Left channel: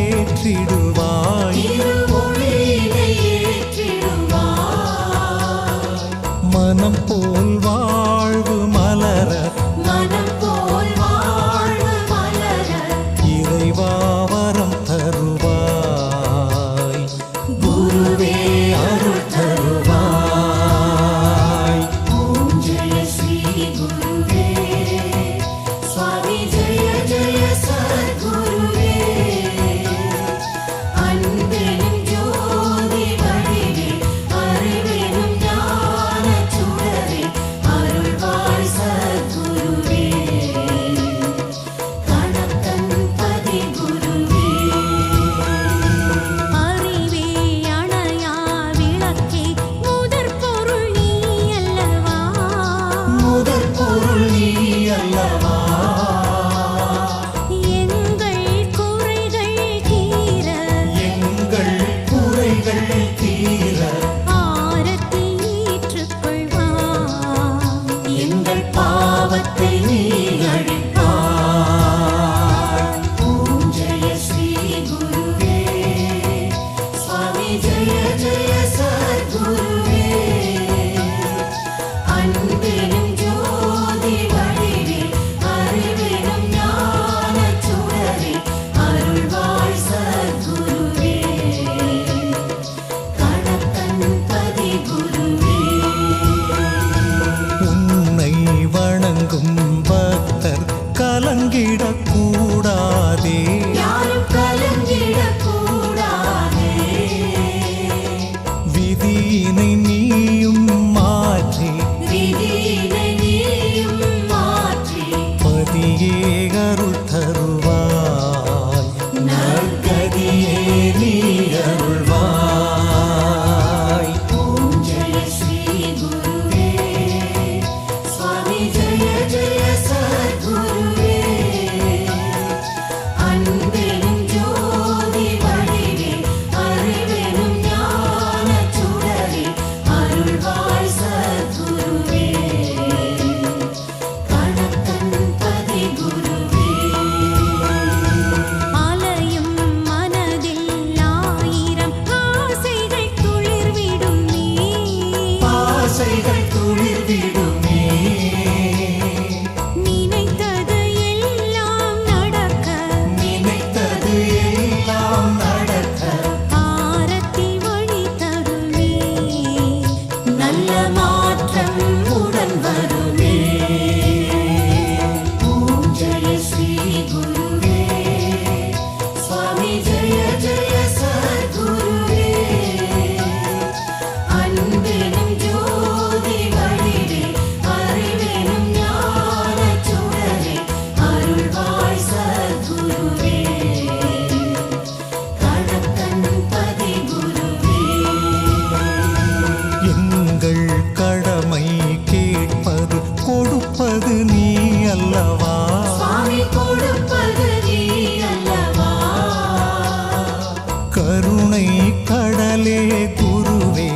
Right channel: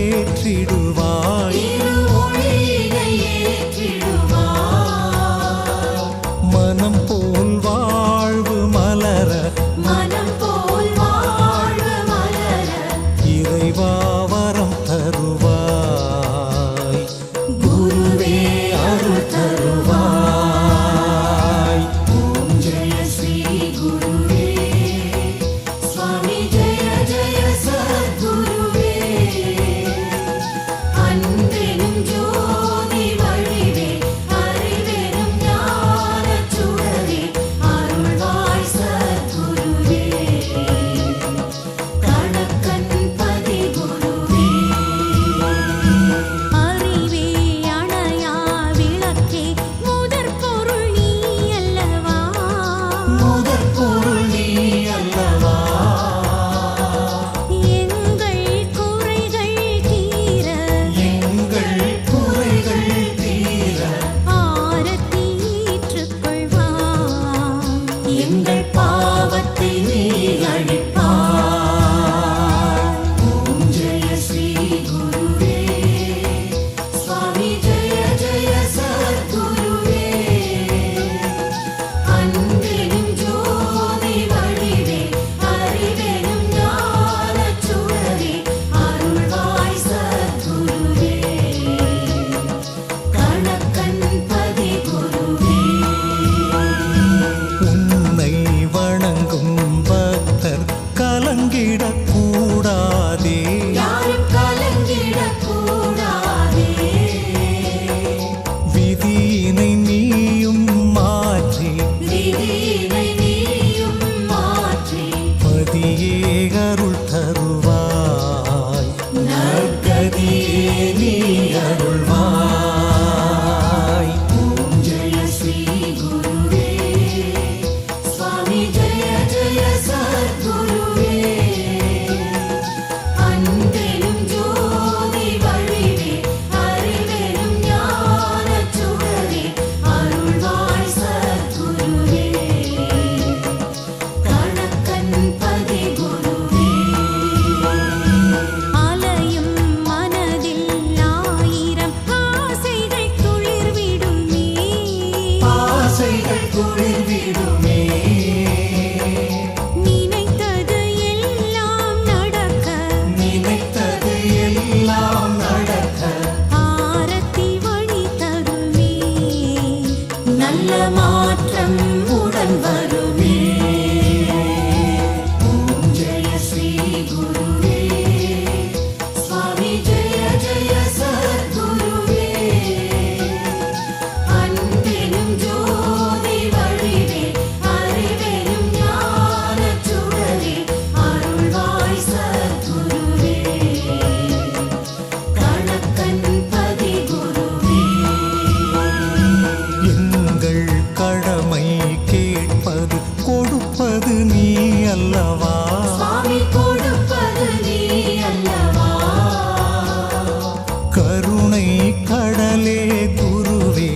ஏற்றிடுவாய். மனம் போல் வாழ்வு மலர இறைவா வரம் தருவாய். குருவே அருள் தருவாய். எங்கள் பாவத்தை நீ அழிப்பாய். ஜெய ஸ்ரீ குருவே சுவாமி ஜெய ஜெய சத்குருவே. அன்பெனும் ஜோதி வடிவே அறிவெனும் ஞானச் சுடரே அருள்வாய் சத்குருவே. கணக்கன் பதி குருவே. உன்னை வணங்கும் பக்தர் கலங்கிடக்கூடாதே. யாரும் கலங்கிடக்கூடாதே. விதியினை நீயும் மாற்றி பதியே அருள் தருவாய். நற்கதியே நீ அருள்வாய். ஆசைகள் துளிர்விடுமே. நினைத்தது எல்லாம் நடக்க ஆரத்தி வழி தருமே. நல்ல மாற்றம் உடன் வருமே. ஜெய ஸ்ரீ குருவே சுவாமி ஜெய ஜெய சத்குருவே. அன்பெனும் ஜோதி வடிவே அறிவெனும் ஞானச் சுடரே அருள்வாய் சத்குருவே. கணக்கன் பதி குருவே. எங்கள் கடமை கேட்பது கொடுப்பது நீ அல்லவா. கொடுப்பது நீ அல்லவா. கருணை கடலே குருவே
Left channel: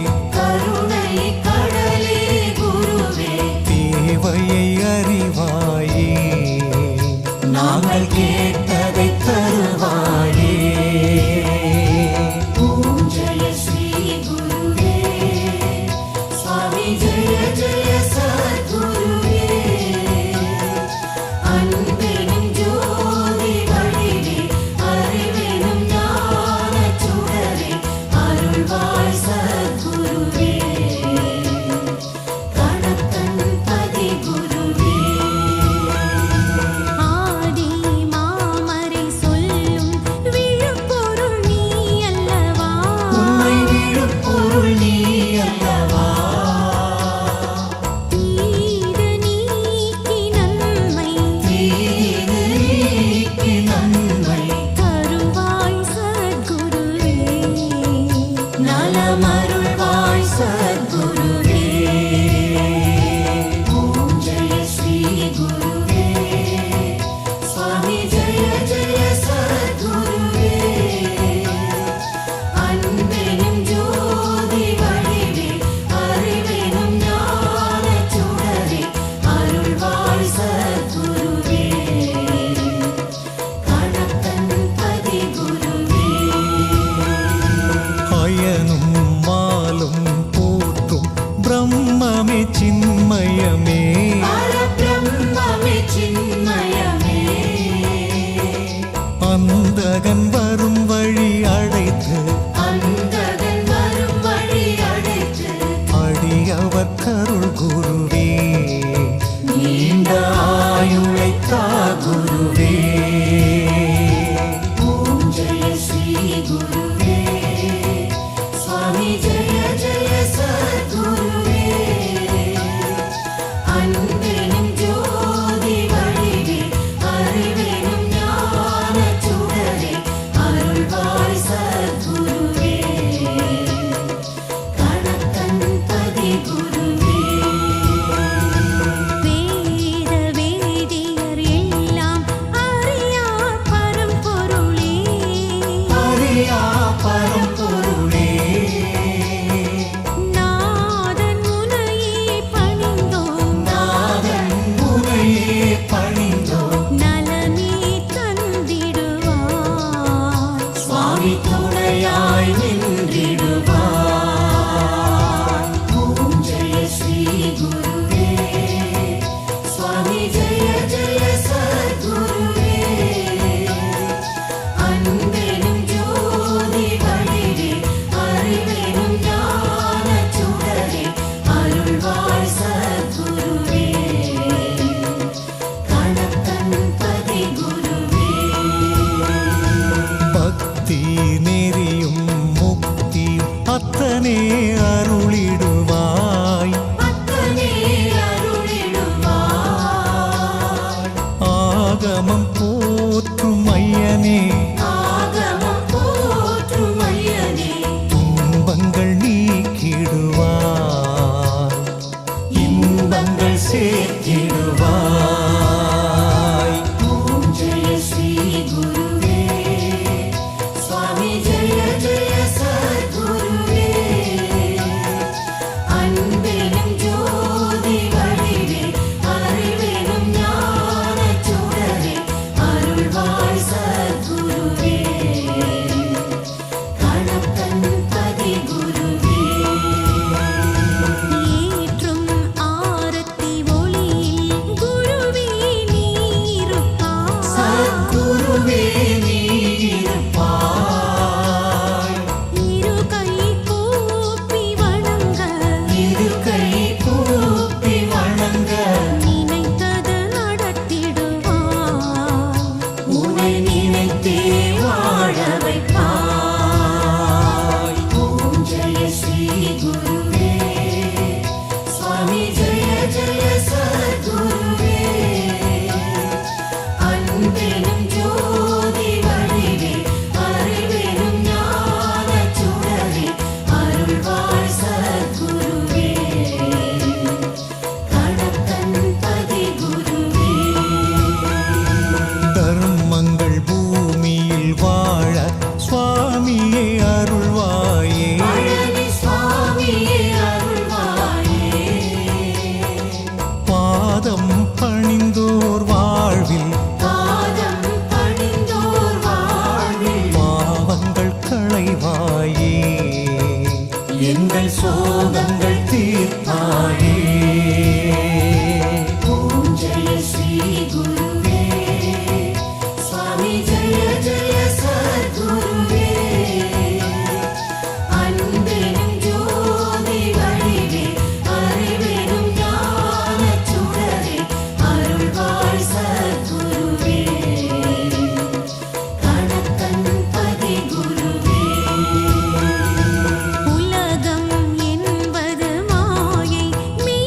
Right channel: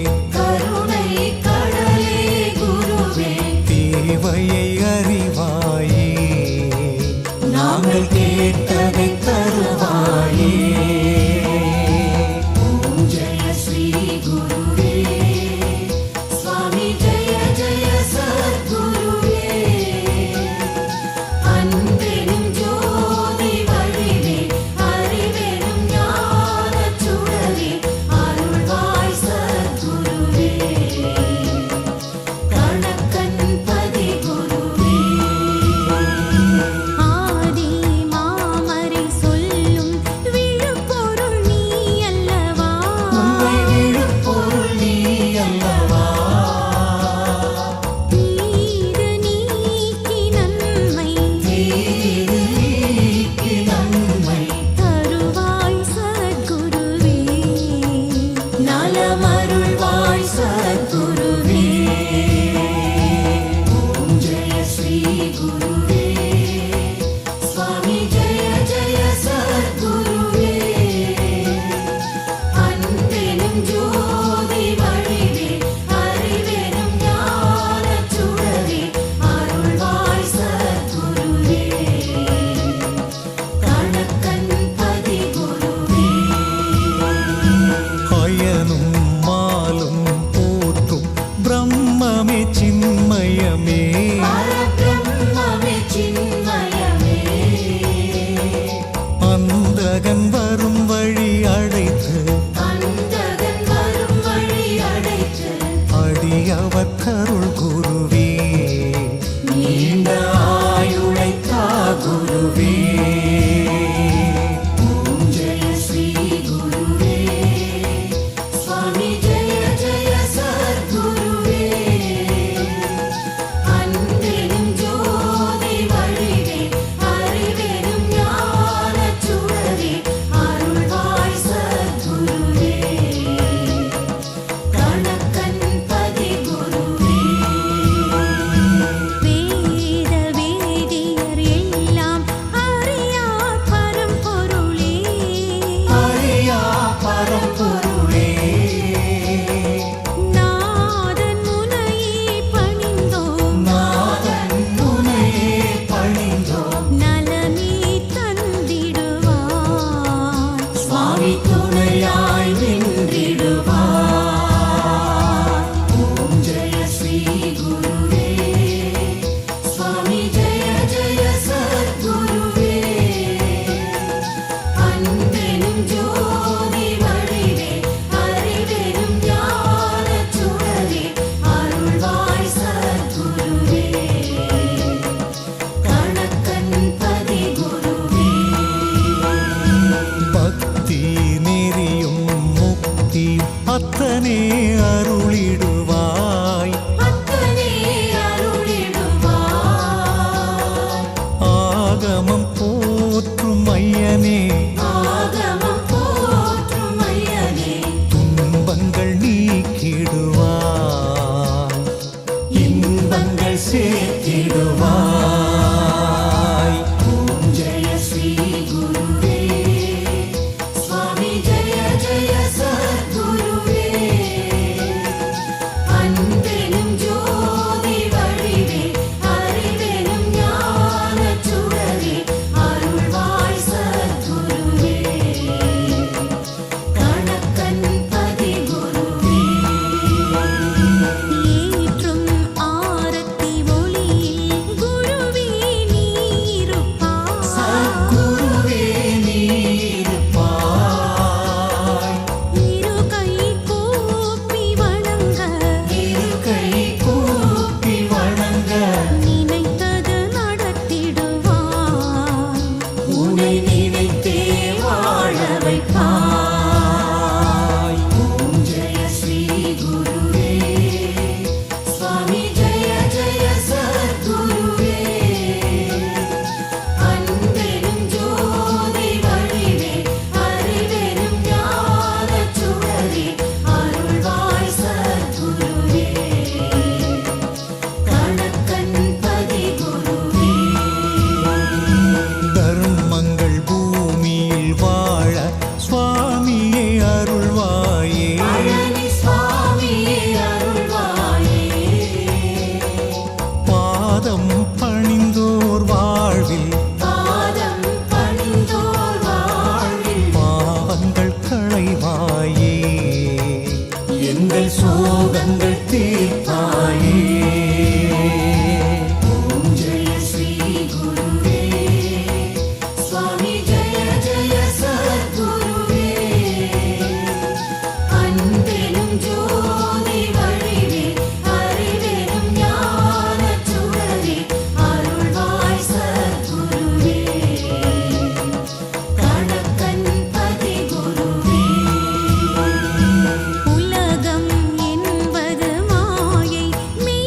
தேவையை அறிவாயே. நாங்கள் கேட்டதை தருவாயே. ஜெய ஸ்ரீ குருவே சுவாமி ஜெய ஜெய சத்குருவே. அன்பெனும் ஜோதி வடிவே அறிவெனும் ஞானச் சுடரே அருள்வாய் சத்குருவே. கணக்கன் பதி குருவே. ஆதி மாமரை சொல்லும் விழுப்பொருள் நீ அல்லவா. உண்மை விழுப்பொருள் நீ அல்லவா. தீது நீக்கி நன்மை தருவாய் சத்குருவே. நலமருள்வாய் சத்குருவே. ஜெய ஸ்ரீ குருவே சுவாமி ஜெய ஜெய சத்குருவே. அன்பெனும் ஜோதி வடிவே அறிவெனும் ஞானச் சுடரே அருள்வாய் சத்குருவே. கணக்கன் பதி குருவே. மாயனும் மாலும் போற்றும் பிரம்மமே சின்மயமே பரபிரம்மமே சின்மயமே அந்தகன் வரும் வழி அடைத்து அந்தகன் வரும் வழி அடைத்து அடியவர் கருள் குருவே நீண்ட ஆயுளைத்தா குருவே ஓம் ஜெய ஸ்ரீ குருவே சுவாமி ஜெய ஜெய சத்குருவே அன்பெனும் ஜோதி வடிவே அறிவெனும் ஞானச் சுடரே அருள்வாய் சத்குருவே கணக்கன் பதி குருவே வேத வேதியர் எல்லாம் அறியா பரம்பொருளே அறியா பரம்பொருளே நாதன் முனையே பணிந்தோம் நாதன் முனையே பணிந்தோம் நலமே தந்திடுவாய் சுவாமி துணையாய் நின்றிடுவாய் ஓம் ஜெய ஸ்ரீ குருவே சுவாமி ஜெய ஜெய சத்குருவே அன்பெனும் ஜோதி வடிவே அறிவெனும் ஞானச் சுடரே அருள்வாய் சத்குருவே கணக்கன் பதி குருவே பக்தி நெறியும் முக்தி அத்தனே அருளிடுவாய் அத்தனே அருளிடுவாய் ஆகமம் போற்றும் ஐயனே ஆகமம் போற்றும் ஐயனே துன்பங்கள் நீக்கிடுவாய் இன்பங்கள் சேர்த்திடுவாய் ஓம் ஜெய ஸ்ரீ குருவே சுவாமி ஜெய ஜெய சத்குருவே அன்பெனும் ஜோதி வடிவே அறிவெனும் ஞானச் சுடரே அருள்வாய் சத்குருவே கணக்கன் பதி குருவே ஏற்றும் ஆரத்தி ஒளியில் குருவே நீ இருப்பாய் சத்குருவே நீ இருப்பாய் இரு கை கூப்பி வணங்க இரு கை கூப்பி வணங்க நினைத்தது நடத்திடுவாய் உனை நினைத்தே வாழ வைப்பாய் ஓம் ஜெய ஸ்ரீ குருவே சுவாமி ஜெய ஜெய சத்குருவே அன்பெனும் ஜோதி வடிவே அறிவெனும் ஞானச் சுடரே அருள்வாய் சத்குருவே கணக்கன் பதி குருவே தர்மங்கள் பூமியில் வாழ சுவாமியே அருள்வாயே பழனி சுவாமியே அருள்வாயே பாதம் பணிந்தோர் வாழ்வில் பாதம் பணிந்தோர் வாழ்வில் பாவங்கள் களைவாயே எங்கள் சோகங்கள் தீர்ப்பாயே ஓம் ஜெய ஸ்ரீ குருவே சுவாமி ஜெய ஜெய சத்குருவே அன்பெனும் ஜோதி வடிவே அறிவெனும் ஞானச் சுடரே அருள்வாய் சத்குருவே கணக்கன் பதி குருவே உலகம் என்பது மாயை மே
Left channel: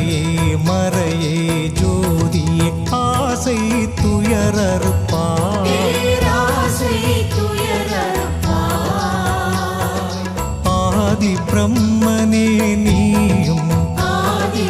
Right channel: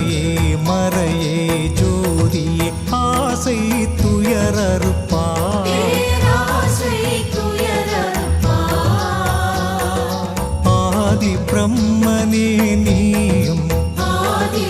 நிலையே மறையே ஜோதியே ஆசை துயரறுப்பாய் பேராசை துயரறுப்பாய் ஆதி பிரம்மனே நீயும் ஆதி